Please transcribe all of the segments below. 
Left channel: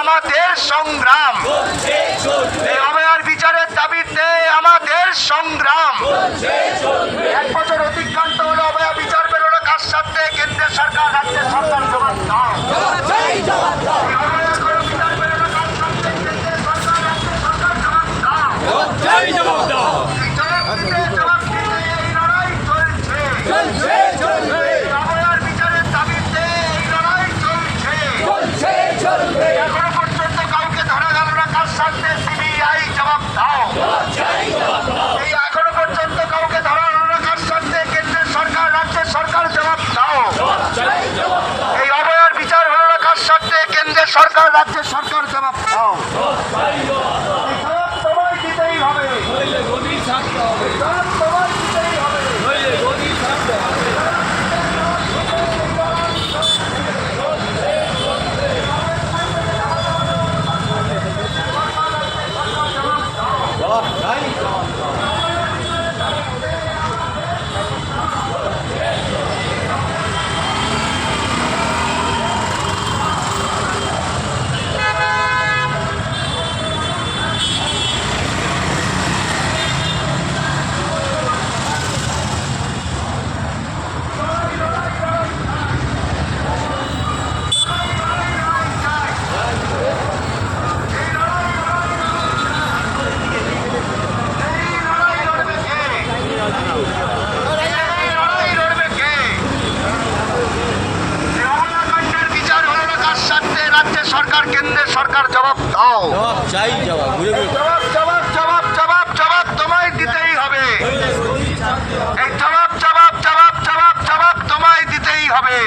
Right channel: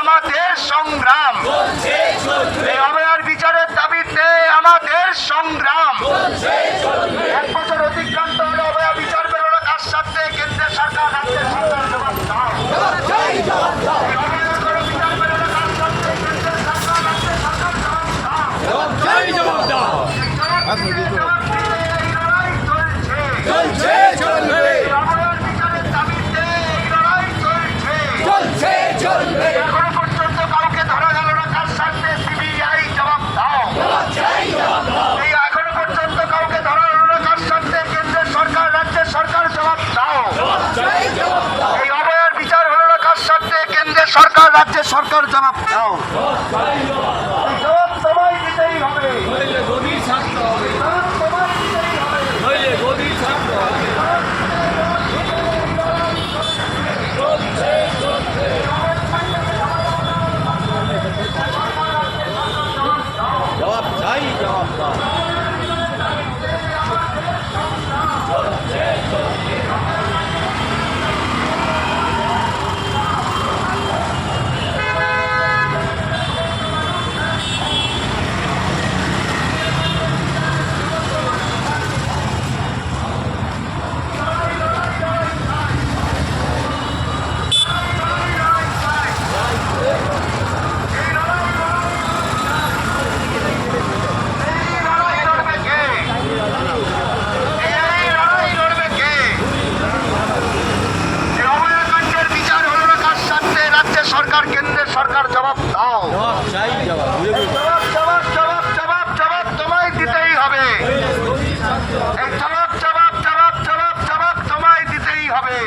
আমাদের সংগ্রাম। বিচারের দাবিতে আমাদের সংগ্রাম এক বছর অতিক্রান্ত হলো অভয়া বিচার পেল না কার সাথে কেন্দ্রের সরকার রাজ্য সরকার জবাব দাও এই অভয়ার কোনো বিচার পেল না কার সাথে কেন্দ্রের সরকার রাজ্য সরকার জবাব দাও জয় জবাব দাও এই জবাব দিতে জবাব দিতে এই লড়াই চলছে চলছে চলবে এই অভয়ার বিচারের দাবিতে এই লড়াই চলছে চলছে চলবে এখনও পর্যন্ত কাউকে ধরা গেল না কার সাথে সিবিআই জবাব দাও এই এখনও পর্যন্ত কাউকে ধরা গেল না কার সাথে কেন্দ্রের সরকার রাজ্যের সরকার জবাব দাও জয় জবাব দাও এই অভয়ার বিচার হলো না কার সাথে কেন্দ্রের সরকার রাজ্যের সরকার জবাব দাও। তোমায় দিতেই হবে। গদির থাকতে হবে। তোমায় দিতেই হবে। গদির থাকতে হবে জবাব চাই জবাব দাও এই লড়াই লড়বে কে এই লড়াই লড়বে কে এই অভয়াকাণ্ডের বিচার হলো না কার সাথে রাজ্যের সরকার কেন্দ্রের সরকার জবাব দাও। চাই জবাব জবাব জবাব জবাব জবাব তোমায় দিতেই হবে। এই জবাব জবাব জবাব জবাব জবাব তোমায় দিতেই হবে।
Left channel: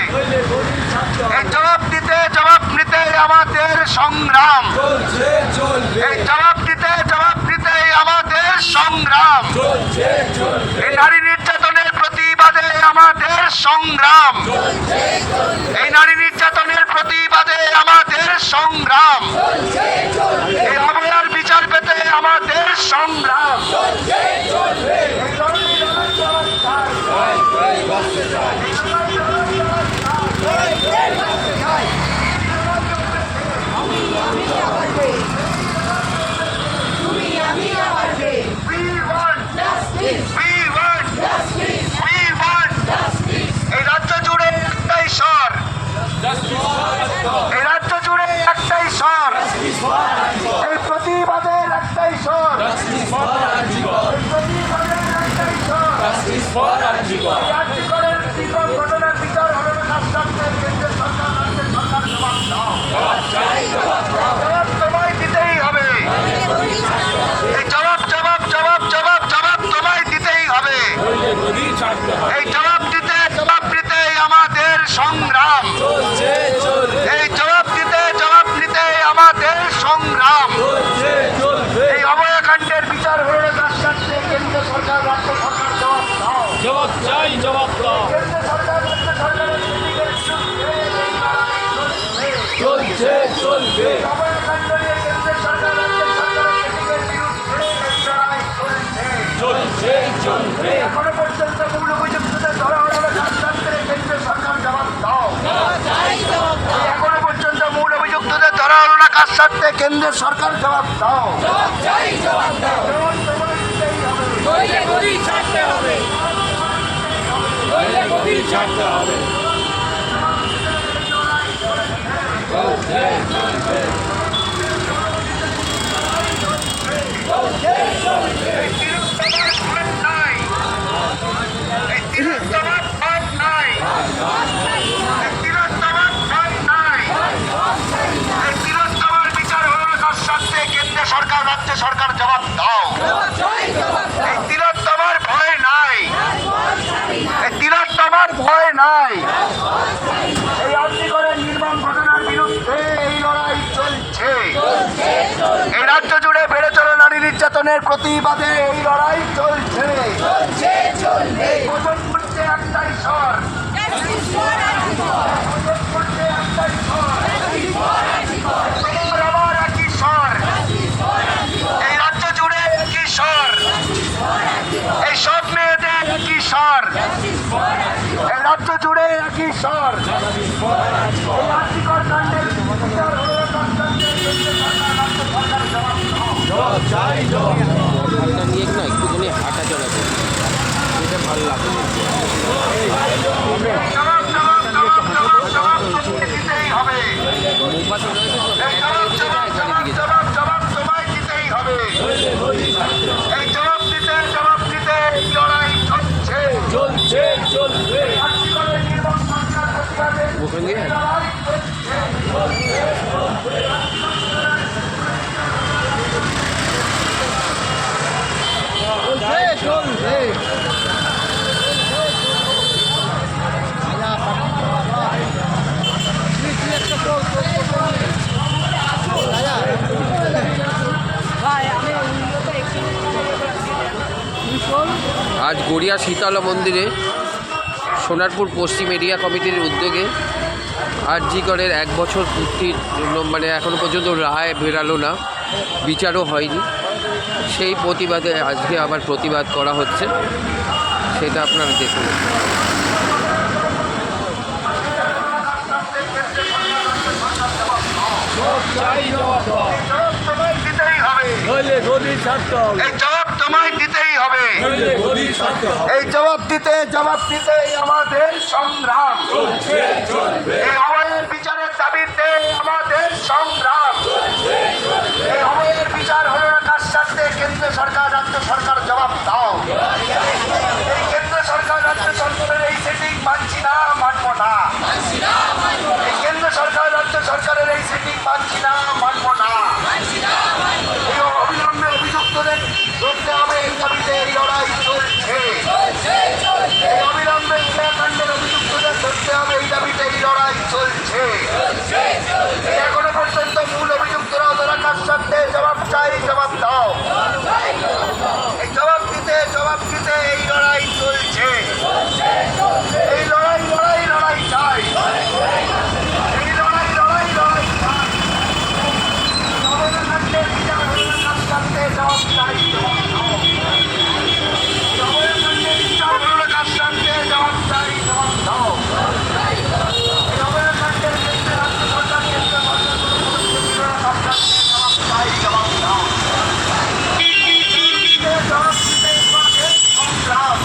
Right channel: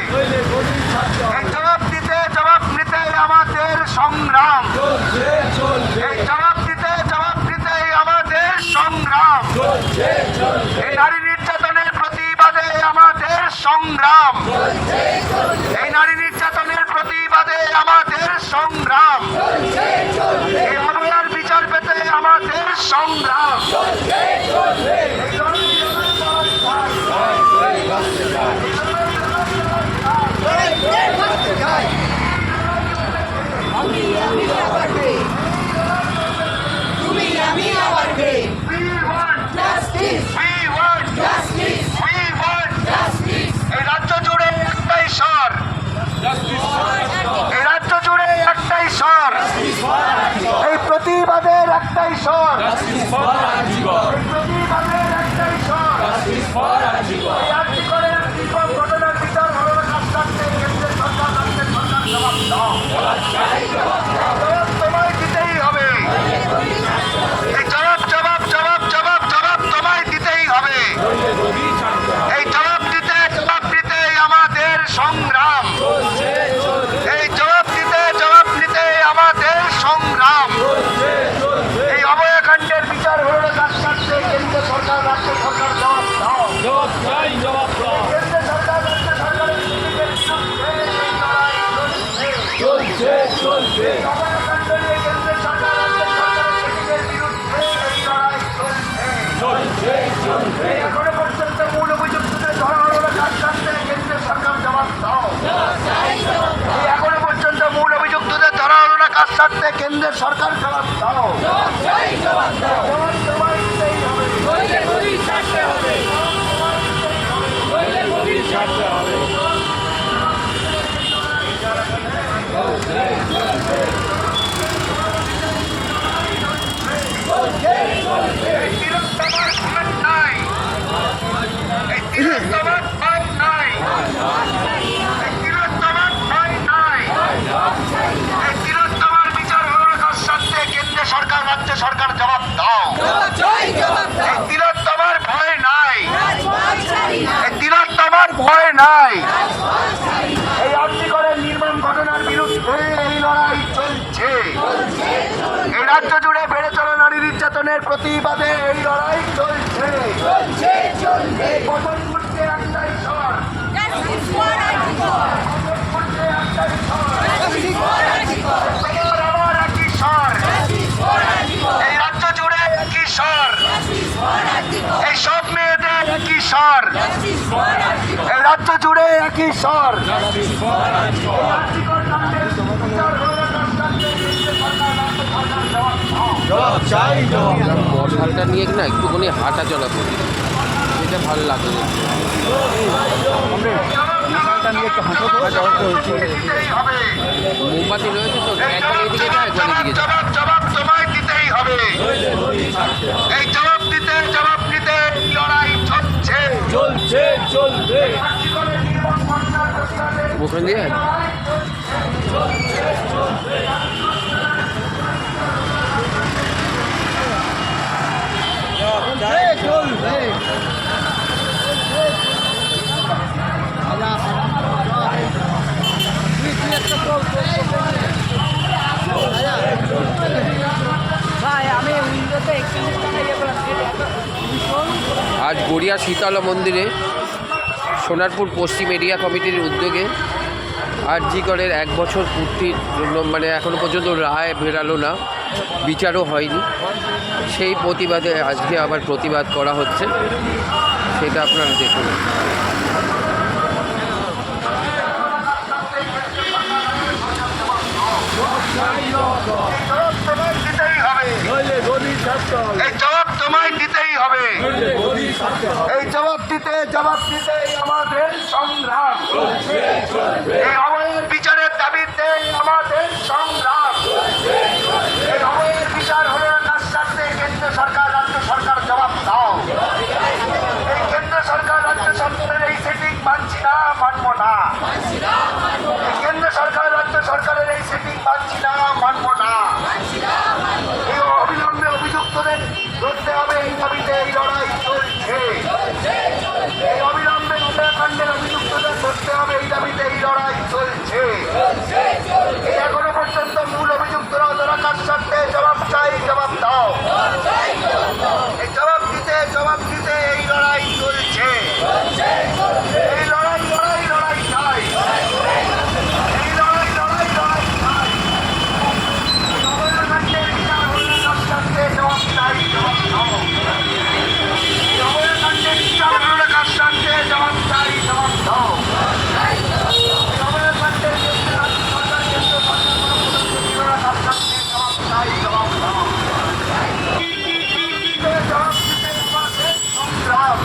এই জবাব দিতে জবাব নিতে আমাদের সংগ্রাম। এই জবাব দিতে জবাব নিতে আমাদের সংগ্রাম। এই নারী নির্যাতনের প্রতিবাদে আমাদের সংগ্রাম। এই নারী নির্যাতনের প্রতিবাদে আমাদের সংগ্রাম। এই অভয়ার বিচার পেতে আমাদের সংগ্রাম। We want, we want, we want. এই রাজ্য জুড়ে একটাই এই প্রতিবাদের একটাই স্বর। জবাব তোমায় জবাব দিতেই আমাদের সংগ্রাম সংগ্রাম এই অভয়াকাণ্ডের বিচার হলো না কার সাথে কেন্দ্র সরকার রাজ্য সরকার জবাব দাও। কেন্দ্র সরকার রাজ্য সরকারের চলছে। চলছে চলবে নিয়ে কেন্দ্রের সরকার রাজ্য সরকারের বিরুদ্ধে লড়াই চলছে। চলছে এখনও পর্যন্ত মূল অভিযুক্তদের ধরা হলো না কার সাথে কেন্দ্রের সরকার জবাব দাও এই এখনও পর্যন্ত মূল অভিযুক্তদের ধরা হলো না কার সাথে কেন্দ্রের সরকার জবাব দাও জবাব তোমায় দিতেই হবে। এই তিলোত্তমার ভয় নাই। এই তিলোত্তমার ভয় নাই। এই তিলোত্তমার ভয় নাই। এই তিলোত্তমার বিচার হলো না কার সাথে কেন্দ্র সরকার, রাজ্য সরকার জবাব দাও। তিলোত্তমার ভয় নাই। এই নির্মম ঘটনার বিরুদ্ধে এই লড়াই চলছে। রাজ্য জুড়ে বেড়ে চলা নারী নির্যাতনের প্রতিবাদে এই লড়াই চলছে। একটাই স্বর এই রাজ্য জুড়ে একই স্বর বড়টা নিয়ে না একটুখানি হাঁটা চলা করি এটা ভালো লাগে দিতেই হবে মোমবাতি রয়েছে তো একবার এদিকে যায় একবার এদিকে যায় ওখান? দিয়ে আজ গড়িয়া শীতলা মন্দিরে সোনারপুর পশ্চিম এরিয়া কমিটির উদ্যোগে আরজিকরের এক বছর পূর্তির জন্য মানে এখনও পর্যন্ত রায় বেরালো না, বিচারও হয়নি। সেই প্রতিবাদে আজকে আবার প্রতিবাদ করা হচ্ছে, সেটা আপনারা দেখুন। এই জবাব তোমায় দিতেই হবে। এই দিতে জবাব দিতে আমাদের সংগ্রাম। অবয়ের বিচারের দাবিতে আমাদের সংগ্রাম। কেন্দ্র সরকার সরকার জবাব দাও। এই সরকার, রাজ্য সরকারের এই না কেন্দ্র সরকার, রাজ্য সরকারের এই না এই অভিযুক্তদের ধরতে হবে এই দাবিতে এই লড়াই চলছে এই অবিলম্বে উত্তরাখণ্ডের অভিযুক্তদের ধরতে হবে এই দাবিতে এই লড়াই চলছে এই এখনও পর্যন্ত মূল অভিযুক্তরা তারা কাজ সাথে জবাব চাই জবাব দাও এই জবাব দিতে জবাব দিতে এই লড়াই চলছে এই লড়াই লড়াই লড়াই চাই এই লড়াই লড়াই লড়াই চাই অবৈধকাণ্ডের বিচার হলো না কাজ সাথে জবাব চাই জবাব দাও অবৈধকাণ্ডের বিচার হলো না কাজ সাথে জবাব চাই জবাব দাও অবৈধকাণ্ডের বিচার রাজ্য সরকার কেন্দ্র সরকার কাজ সাথে জবাব চাই জবাব দাও জবাব দিতে আমাদের সংগ্রাম